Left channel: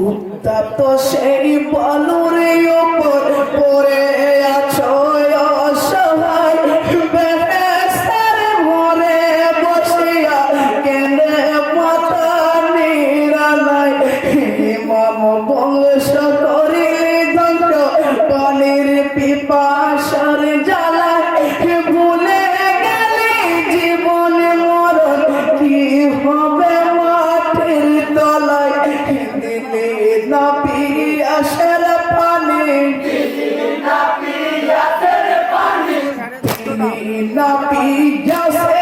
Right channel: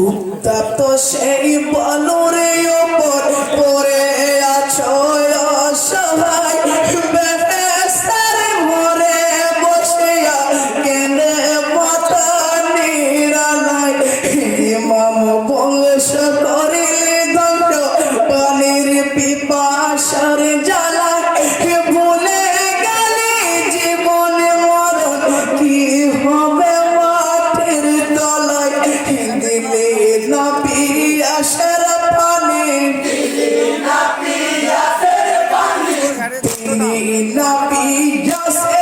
উত্তাপ্ত সেই বল May not be just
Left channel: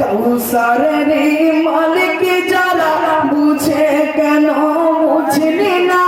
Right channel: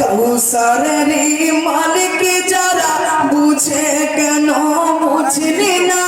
কৌসারে মালিক যারা বুঝে কেন বুঝলি না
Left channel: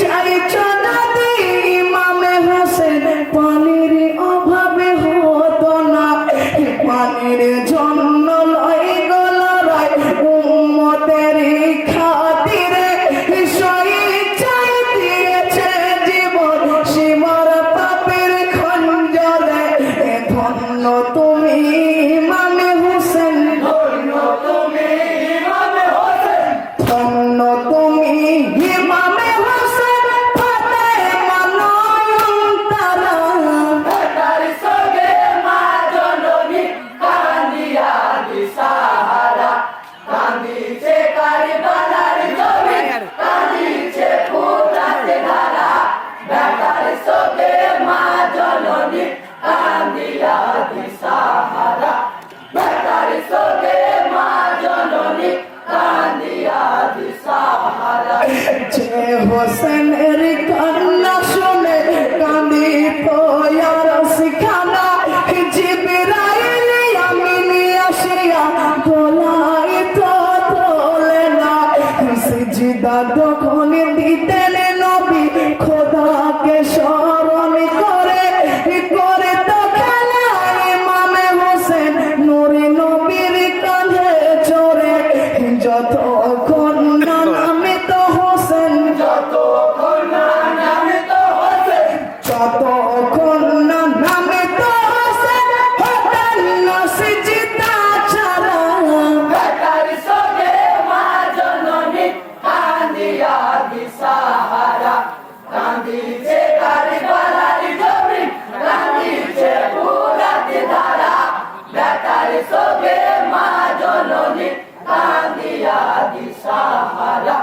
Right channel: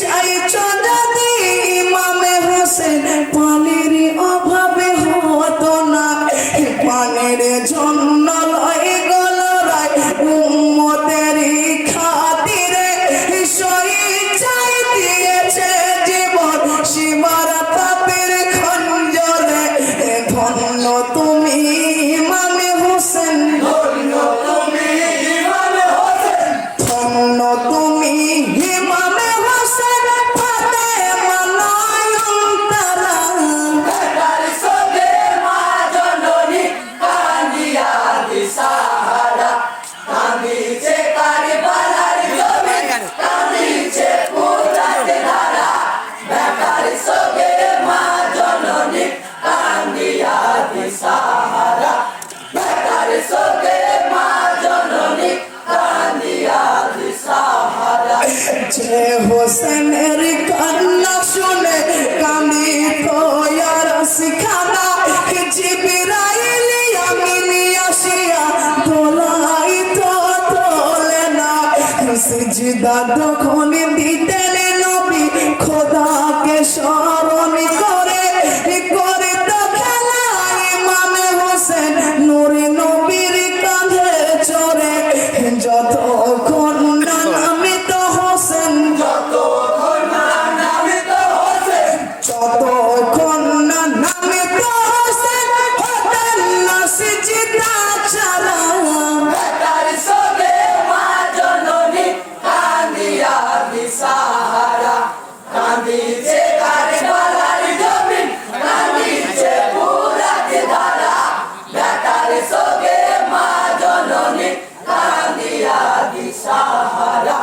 চাই চাঁদি পানির অভাবে হতো না। পানির জন্য লয় গলারায় উম্মতের খাতিরে সই চাই দিয়েছে জীবন যে হোসেনের কান্না শুনে কামি তো আর শিখানা। জিবরাইল, আমি আসিয়া দোলাই তো তোলে না। সিজদা তখন দিতেন সগে মা জননী কান্দিয়া দিশাহারা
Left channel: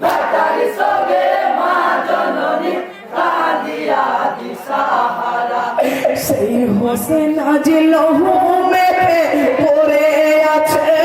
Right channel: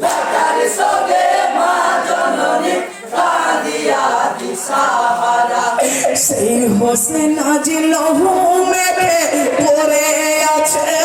বেটার সেই হোসেন আজ লহু মেরে পড়ে আছে